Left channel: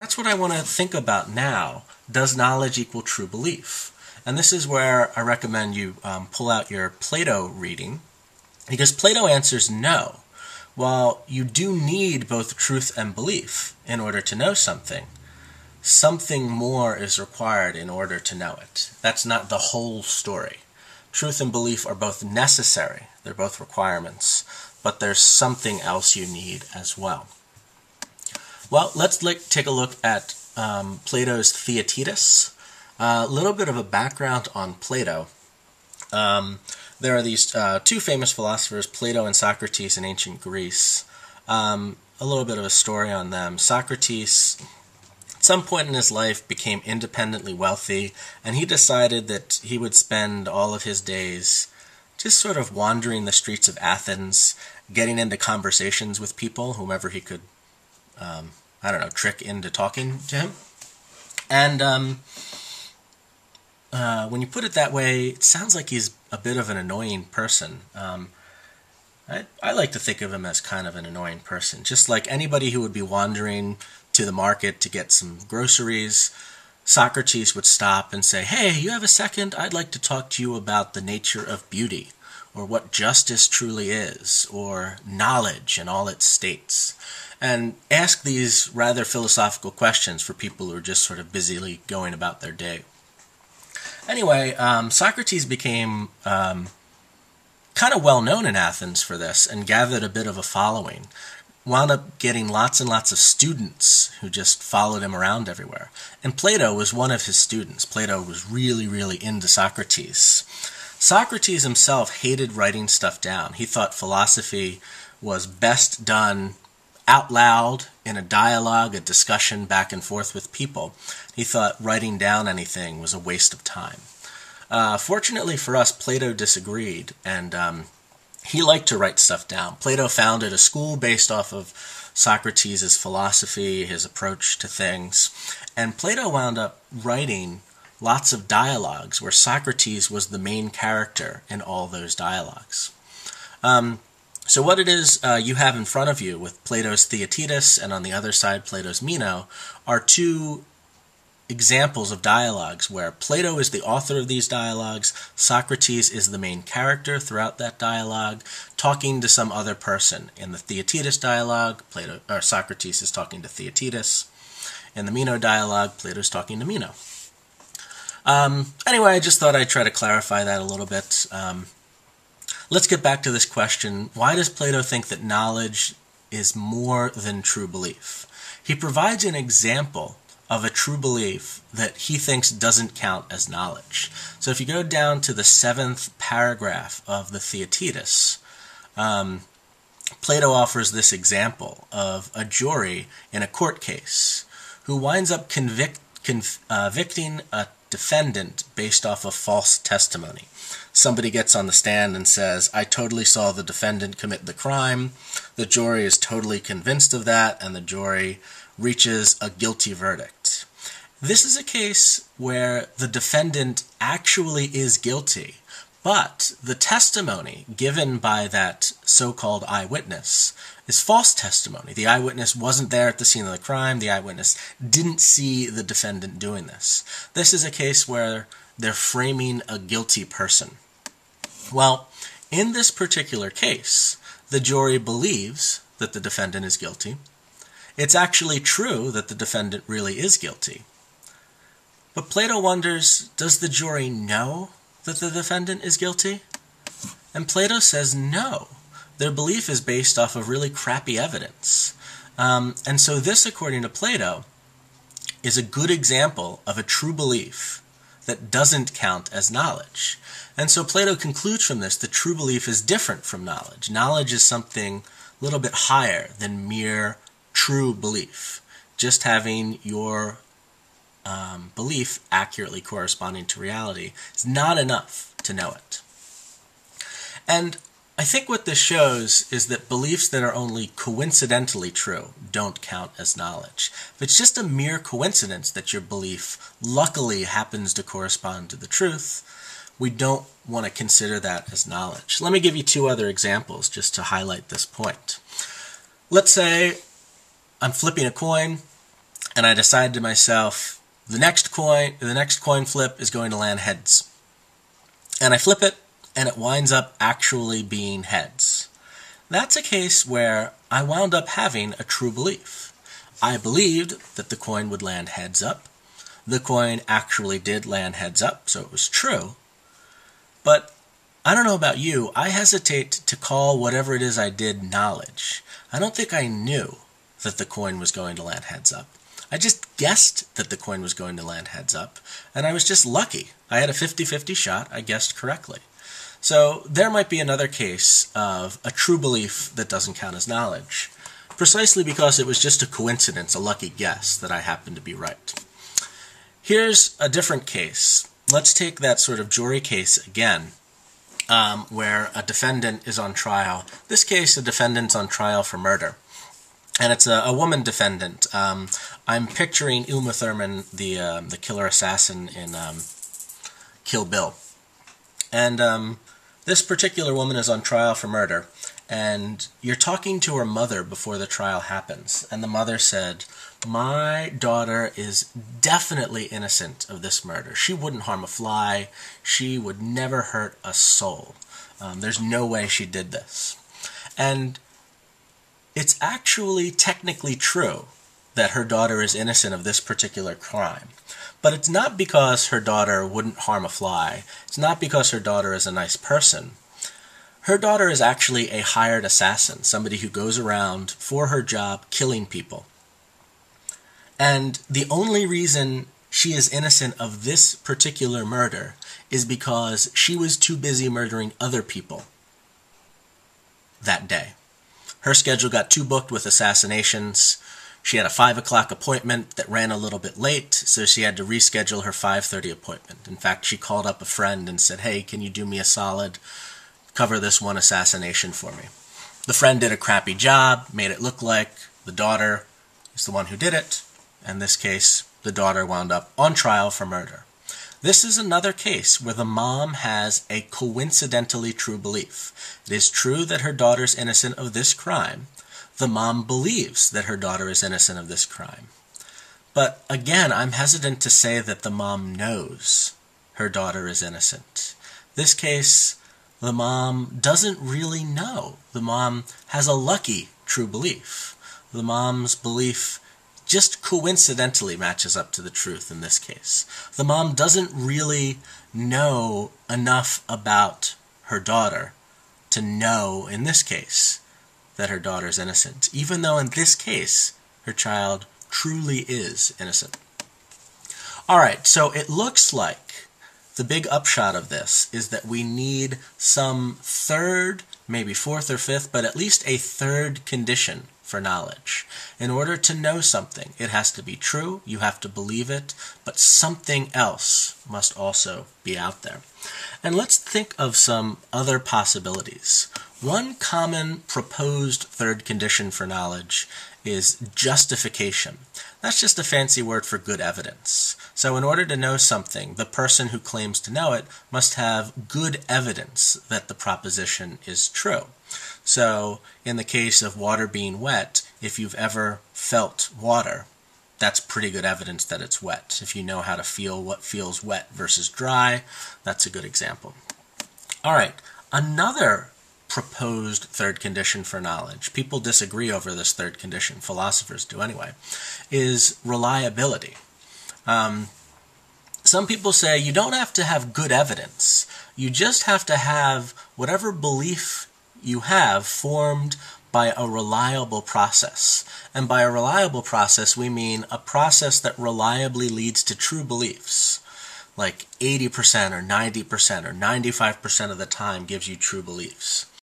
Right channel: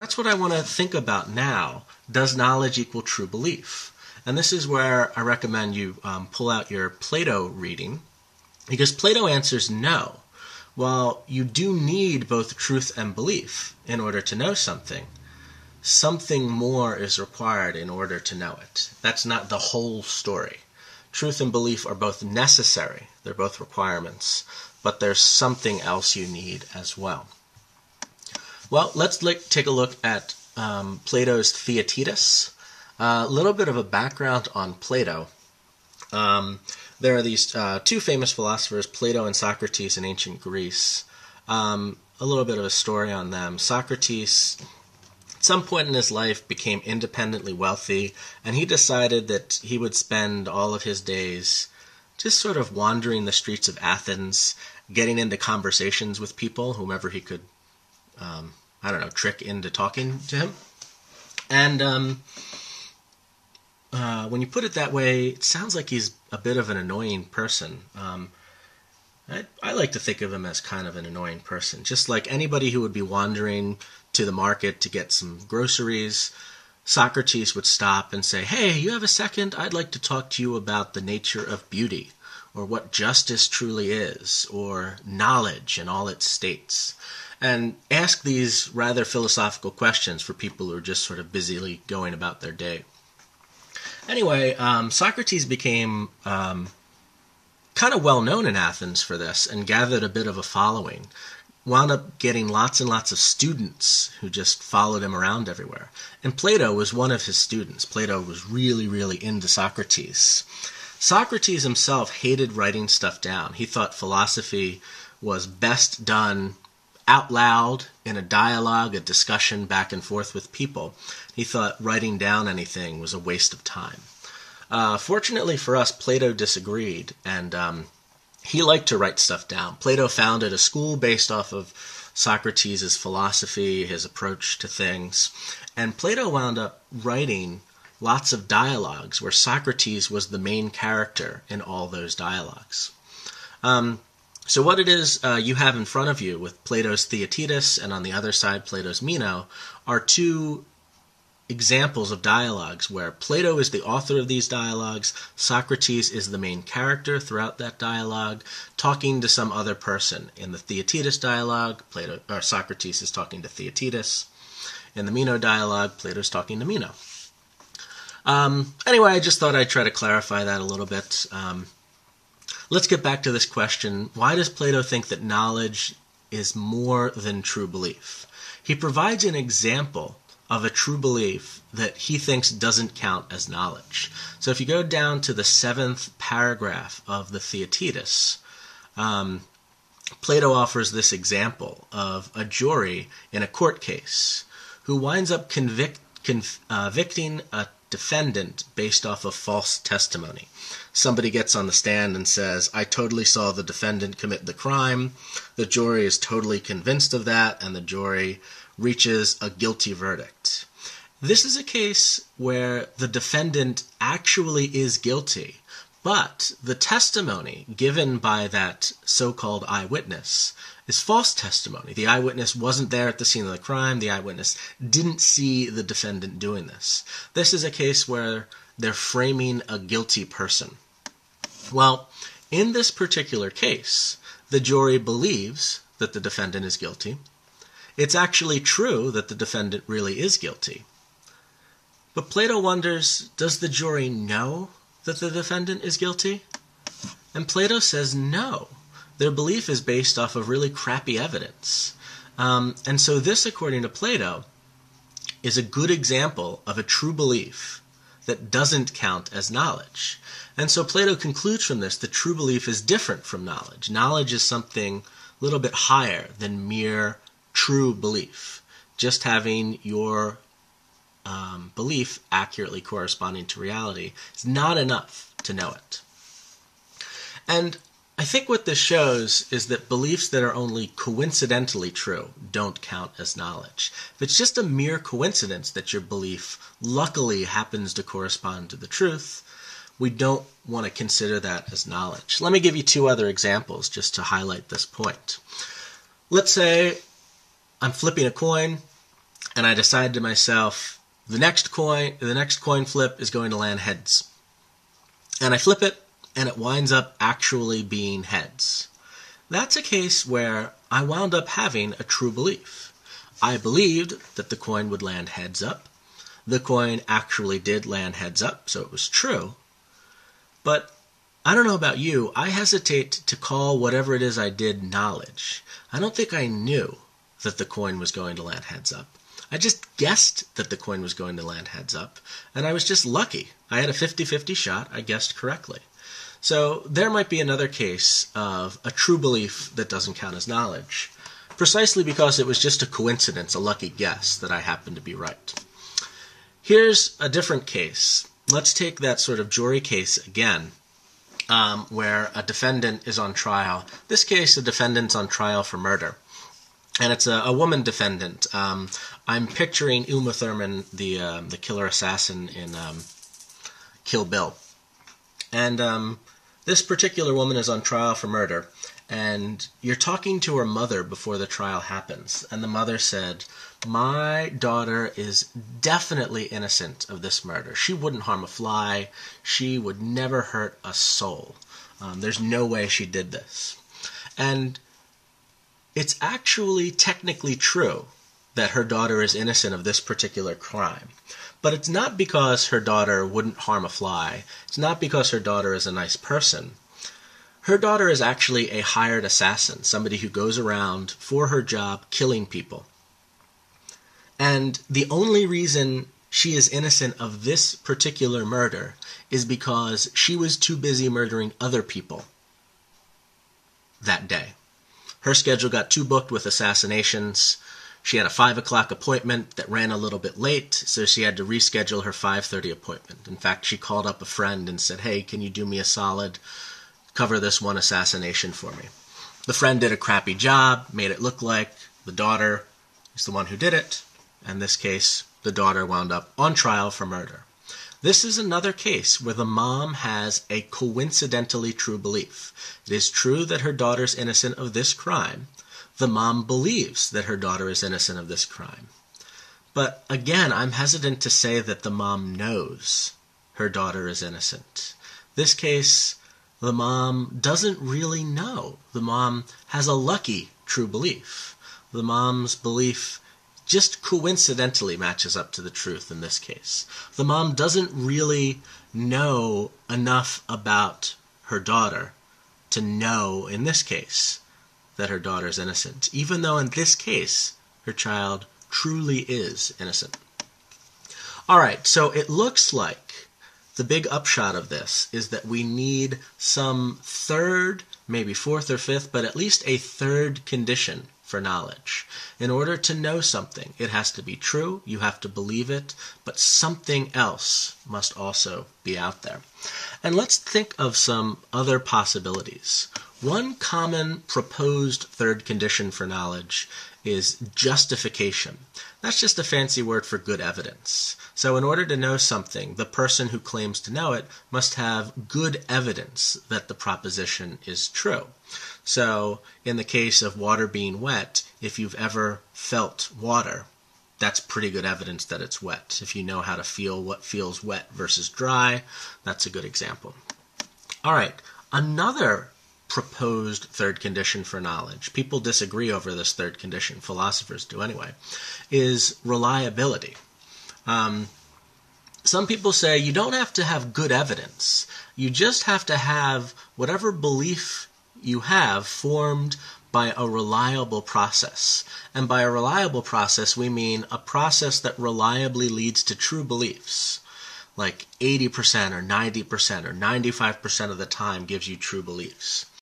That's what I want to think about now. Does knowledge equal true belief? And this is where I recommend you pull out your Plato reading, because Plato answers no. While you do need both truth and belief in order to know something, something more is required in order to know it. That's not the whole story. Truth and belief are both necessary. They're both requirements. But there's something else you need as well. Well, let's take a look at Plato's Theaetetus. A little bit of a background on Plato. There are these two famous philosophers, Plato and Socrates in ancient Greece. A little bit of a story on them. Socrates, at some point in his life, became independently wealthy, and he decided that he would spend all of his days just sort of wandering the streets of Athens, getting into conversations with people, whomever he could, trick into talking to him. And when you put it that way, it sounds like he's a bit of an annoying person. I like to think of him as kind of an annoying person. Just like anybody who would be wandering to the market to get some groceries, Socrates would stop and say, "Hey, you have a second? I'd like to talk to you about the nature of beauty, or what justice truly is, or knowledge in all its states." And ask these rather philosophical questions for people who are just sort of busily going about their day. Anyway, Socrates became kind of well known in Athens for this and gathered a bit of a following. Wound up getting lots and lots of students who just followed him around everywhere. And Plato was one of his students. Plato was really, really into Socrates. Socrates himself hated writing stuff down. He thought philosophy was best done out loud in a dialogue, a discussion back and forth with people. He thought writing down anything was a waste of time. Fortunately for us, Plato disagreed, and he liked to write stuff down. Plato founded a school based off of Socrates' philosophy, his approach to things, and Plato wound up writing lots of dialogues where Socrates was the main character in all those dialogues. So what it is you have in front of you with Plato's Theaetetus and on the other side Plato's Meno are two examples of dialogues where Plato is the author of these dialogues, Socrates is the main character throughout that dialogue, talking to some other person. In the Theaetetus dialogue, Socrates is talking to Theaetetus. In the Meno dialogue, Plato's talking to Meno. Anyway, I just thought I'd try to clarify that a little bit. Let's get back to this question. Why does Plato think that knowledge is more than true belief? He provides an example of a true belief that he thinks doesn't count as knowledge. So if you go down to the 7th paragraph of the Theaetetus, Plato offers this example of a jury in a court case who winds up convicting a defendant based off of false testimony. Somebody gets on the stand and says, "I totally saw the defendant commit the crime." The jury is totally convinced of that, and the jury reaches a guilty verdict. This is a case where the defendant actually is guilty, but the testimony given by that so-called eyewitness is false testimony. The eyewitness wasn't there at the scene of the crime. The eyewitness didn't see the defendant doing this. This is a case where they're framing a guilty person. Well, in this particular case, the jury believes that the defendant is guilty. It's actually true that the defendant really is guilty. But Plato wonders, does the jury know that the defendant is guilty? And Plato says no. Their belief is based off of really crappy evidence. And so this, according to Plato, is a good example of a true belief that doesn't count as knowledge. And so Plato concludes from this that true belief is different from knowledge. Knowledge is something a little bit higher than mere true belief. Just having your belief accurately corresponding to reality is not enough to know it. And I think what this shows is that beliefs that are only coincidentally true don't count as knowledge. If it's just a mere coincidence that your belief luckily happens to correspond to the truth, we don't want to consider that as knowledge. Let me give you two other examples just to highlight this point. Let's say I'm flipping a coin. and I decide to myself, the next coin flip is going to land heads. And I flip it, and it winds up actually being heads. That's a case where I wound up having a true belief. I believed that the coin would land heads up. The coin actually did land heads up, so it was true. But I don't know about you, I hesitate to call whatever it is I did knowledge. I don't think I knew that the coin was going to land heads up. I just guessed that the coin was going to land heads up, and I was just lucky. I had a 50-50 shot, I guessed correctly. So there might be another case of a true belief that doesn't count as knowledge, precisely because it was just a coincidence, a lucky guess, that I happened to be right. Here's a different case. Let's take that sort of jury case again, where a defendant is on trial. This case, a defendant's on trial for murder. And it's a woman defendant. I'm picturing Uma Thurman, the killer assassin in Kill Bill. And this particular woman is on trial for murder. And you're talking to her mother before the trial happens. And the mother said, "My daughter is definitely innocent of this murder. She wouldn't harm a fly. She would never hurt a soul. There's no way she did this." And it's actually technically true that her daughter is innocent of this particular crime. But it's not because her daughter wouldn't harm a fly. It's not because her daughter is a nice person. Her daughter is actually a hired assassin, somebody who goes around for her job killing people. And the only reason she is innocent of this particular murder is because she was too busy murdering other people that day. Her schedule got too booked with assassinations. She had a 5 o'clock appointment that ran a little bit late, so she had to reschedule her 5:30 appointment. In fact, she called up a friend and said, "Hey, can you do me a solid? Cover this one assassination for me." The friend did a crappy job, made it look like the daughter is the one who did it. In this case, the daughter wound up on trial for murder. This is another case where the mom has a coincidentally true belief. It is true that her daughter's innocent of this crime. The mom believes that her daughter is innocent of this crime. But again, I'm hesitant to say that the mom knows her daughter is innocent. This case, the mom doesn't really know. The mom has a lucky true belief. The mom's belief just coincidentally matches up to the truth in this case. The mom doesn't really know enough about her daughter to know, in this case, that her daughter is innocent, even though in this case, her child truly is innocent. All right, so it looks like the big upshot of this is that we need some third, maybe fourth or fifth, but at least a third condition for knowledge. In order to know something, it has to be true, you have to believe it, but something else must also be out there. And let's think of some other possibilities. One common proposed third condition for knowledge is justification. That's just a fancy word for good evidence. So in order to know something, the person who claims to know it must have good evidence that the proposition is true. So in the case of water being wet, if you've ever felt water, that's pretty good evidence that it's wet. If you know how to feel what feels wet versus dry, that's a good example. All right, another proposed third condition for knowledge, people disagree over this third condition, philosophers do anyway, is reliability. Some people say you don't have to have good evidence. You just have to have whatever belief you have formed by a reliable process. And by a reliable process, we mean a process that reliably leads to true beliefs. Like 80% or 90% or 95% of the time gives you true beliefs.